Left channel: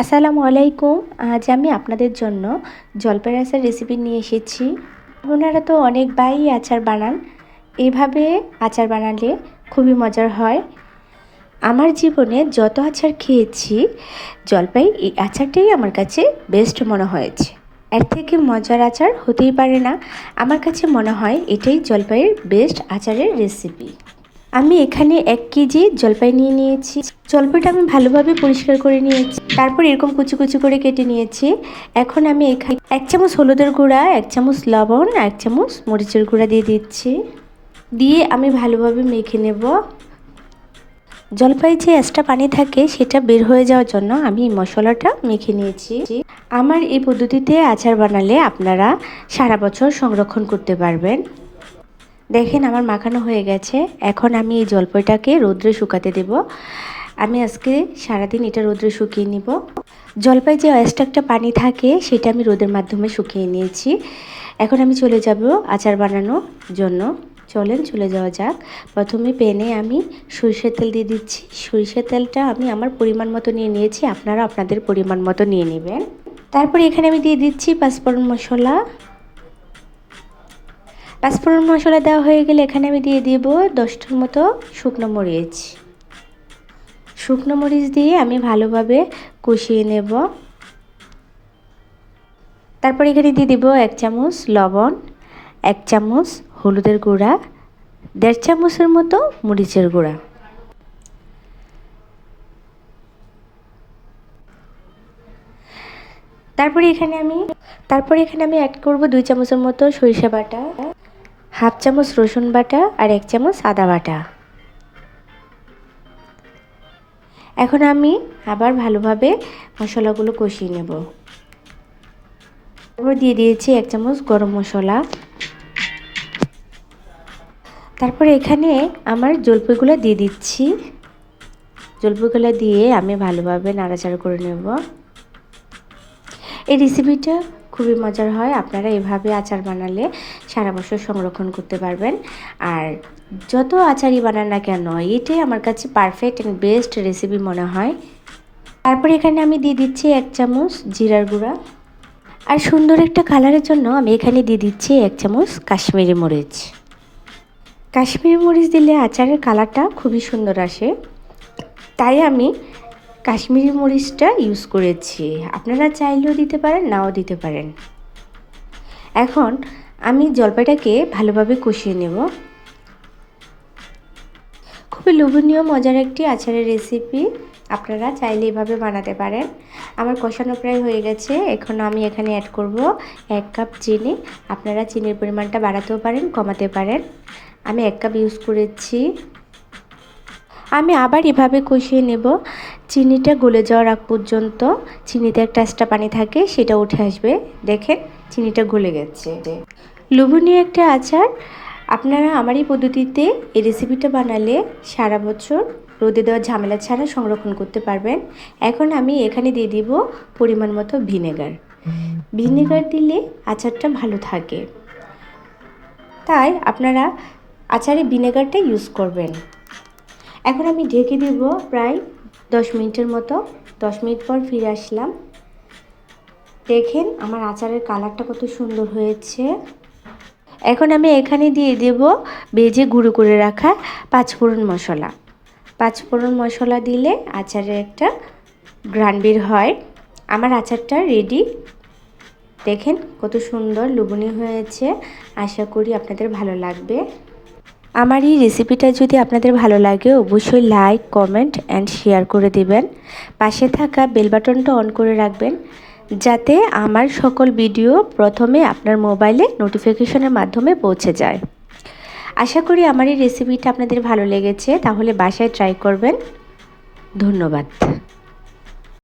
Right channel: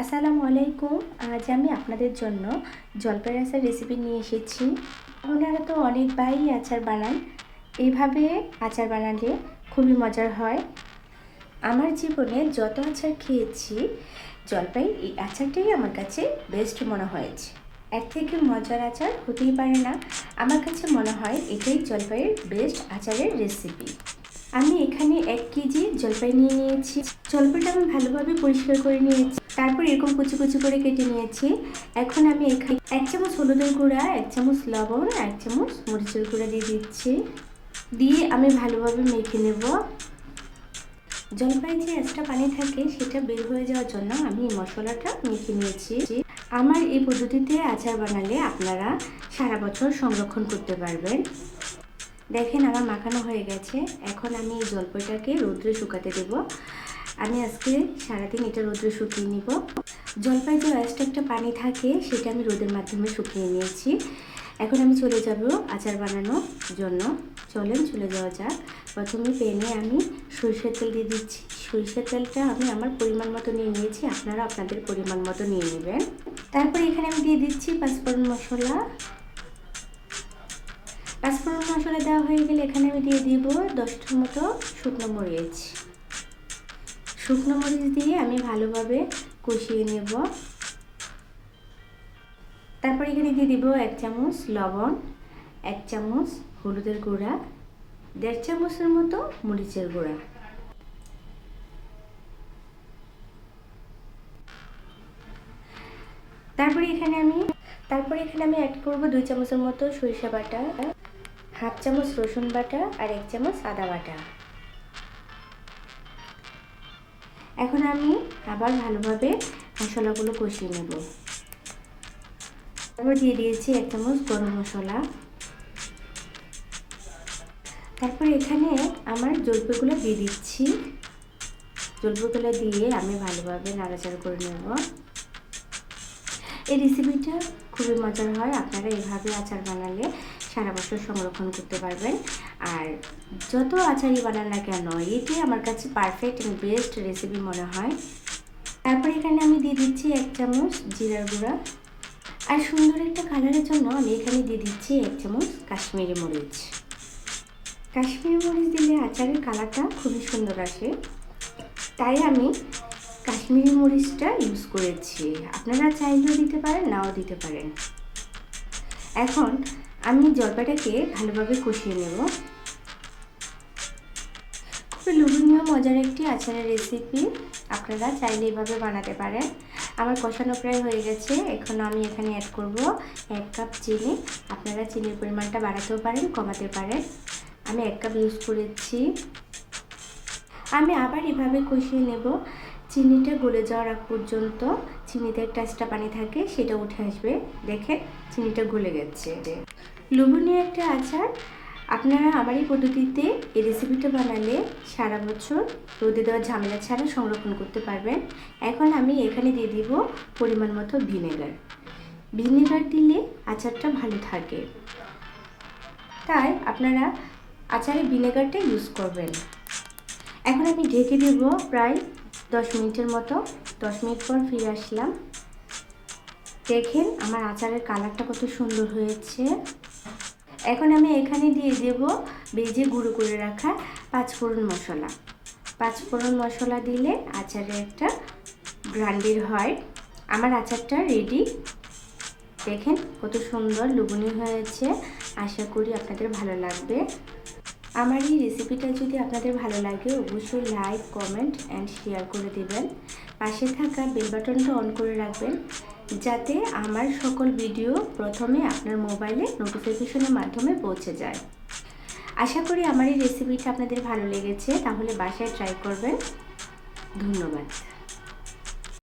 আসসালামু আলাইকুম। আজ আমি আপনাদের জন্য জলপাইয়ের আচার রেসিপি নিয়ে এসেছি। ওনারা তো অনেক বাই আচার বানান। এইভাবে আচার বানালে খুবই মজার হয়। আমার জীবনে যত আচার খেয়েছি, জলপাই এই আচারটাই আমার কাছে বেস্ট মনে হয়েছে। এর থেকে মজার আচার হতেই পারে না। আমার কাছে মনে হয় এটাই জলপাইয়ের বেস্ট আচারের রেসিপি আমি এখানে এক কেজি জলপাই নিয়ে নিয়েছি। জলপাইটা আমি ভালোভাবে পরিষ্কার করে নিয়েছি। তারপর এরকম কুচি কুচি করে কেটে নিয়েছি। এখন আমি এখানে এক চামচ হলুদের গুঁড়া, এক চামচ লবণ, এক চামচ মরিচের গুঁড়া দিয়ে দিচ্ছি। দিয়ে আমি ভালোভাবে মেখে নেব। জলপাই যে এক্সট্রা পানি থাকে, সেটা বের হয়ে যাওয়ার জন্য আমি মশলাটা মেখে নিয়েছি। আমার এই পদ্ধতিতে আচার বানালে আপনারা সারা বছর সংরক্ষণ করতে পারবেন। দেখেন আমার মাখানো হয়ে গেছে। এখন আমি এই জলপাইটাকে রোদ্রে শুকাতে দেব। আমি আজকে সারাদিন এটা রোদ্রে শুকিয়ে নিব। জলপাই যে একটা পানি থাকে, সেটা আমি রোদের মাধ্যমে শুকিয়ে নিয়েছি। এখন আমি চলে যাব আচার বানানোর জন্য। চলেন, চলে যাওয়া যাক। প্রথমে পেনে আমি সরিষার তেল দিয়ে দিচ্ছি। সরিষার তেলটা আমি আমার পরিমাণ মতো নিয়ে নিয়েছি। আপনারা আপনাদের পরিমাণ মতো নিয়ে নেবেন। তারপর এখানে আমি দিয়ে দিচ্ছি পাঁচফোড়ন মশলা। পাঁচফোড়ন মশলা দেওয়া হয়ে গেলে এখানে আমি দিয়ে দিব দশটার মতো শুকনো মরিচ। শুকনো মরিচ দিয়ে আমি ভালোভাবে কষিয়ে নেব। তারপর এখানে দিয়ে দিব এক চামচ লবণ, এক চামচ হলুদের গুঁড়া, দেড় চামচের মতো মরিচের গুঁড়া। তারপরে এখানে আমি, তারপরে এখানে আমি অ্যাড করব দুই চামচের মতো সরিষা বাটা। হাফ চামচ রসুন বাটা আর এক চামচ আদা বাটা। এখন আমি আবার ভালোভাবে মশলাগুলো কষিয়ে নেব। তারপর দিয়ে দিয়েছি এক চামচ গরম মশলা। তারপর এখানে আমার জলপাইগুলো দিয়ে দিচ্ছি। জলপাইগুলো দিয়ে আমি ভালোভাবে নাড়াচাড়া করে নেব। এই রেসিপিটা খুবই মজার হয়, আপনারা এভাবে আচার বানালে সারা বছর সংরক্ষণ করতে পারবেন। আর যত আচারই বানান না কেন, এটাই আমার কাছে পারফেক্ট অ্যান্ড বেস্ট রেসিপি মনে হয়। তারপরে এখানে আমি দিয়ে দিচ্ছি এক চামচ জিরার গুঁড়া। আর সুন্দর একটা কালারের জন্য আমি এখানে দিয়ে দিচ্ছি এক চামচ কাশ্মীরি মরিচ। কাশ্মীরি মরিচ দিলে আচারের কালারটা খুবই সুন্দর আসে। তাই আমি কাশ্মীরি মরিচটা ইউজ করেছি। আপনারা চাইলেও দিতে পারেন, নাও দিতে পারেন। এখন আমি জলপাইটাকে ভালোভাবে কষিয়ে নেব। খুবই লোভনীয়, মজার একটি আচারের রেসিপি আপনারা চাইলে এভাবে বানাতে পারেন। আমার কষানো প্রায় হয়ে গেছে। এখন আমি এখানে অ্যাড করব এক কাপ চিনি। আপনারা চিনির পরিমাণটা বাড়াতেও পারেন, কমাতে পারেন। আমি এক কাপ ইউজ করেছি। আমি আবার এভাবে কষিয়ে নেব। চিনিটা গলে যাওয়ার আগ পর্যন্ত চিনিতে একটা পানি থাকে, সেটা উঠে আসবে। দেখেন, চিনিটা গলে গেছে। লোভনীয় একটা আচার। আপনারা আমার এই পদ্ধতিতে এই রেসিপিটা বানালে সারা বছর রোদে দেওয়া ঝামেলা ছাড়া সংরক্ষণ করতে পারবেন। এখন আমি এখানে দিয়ে দিব পরিমাণ মতো ভিনেগার। ভিনেগার দিলে আচারটা ভালো থাকে। তাই আপনারা আচারে ভিনেগারটা ইউজ করবেন। এখন আমি ঢেকে দেব প্রায় দশ মিনিটের মতো। দশ মিনিট পর ফিরে আসলাম। দেখেন আমার আচারের কালারটা কত সুন্দর হয়েছে। এখন আমি এখানে দিয়ে দেব বেজে গুঁড়ো করে রাখা পাঁচফোড়ন মশলা। পাঁচফোড়ন মশলা দিলে আচারের একটা গ্রান বের হয়। আমার আচারটা রেডি দেখেন কত সুন্দর লুবনি হয়েছে। আশা করি আপনাদের ভালো লাগবে। আমার এই রেসিপিটা যদি আপনাদের ভালো লাগে, অবশ্যই লাইক কমেন্ট অ্যান্ড শেয়ার করে দিবেন। পাশে থাকা বেল বাটনটা অন করে রাখবেন। যাতে আমার সকল ভিডিও প্রথমে আপনার মোবাইলে নোটিফিকেশনের মাধ্যমে পৌঁছে যায়। আশা করি আমার এই রেসিপিটা আপনাদের ভালো লেগেছে, তাহলে বাসায় ট্রাই করবেন। ধন্যবাদ।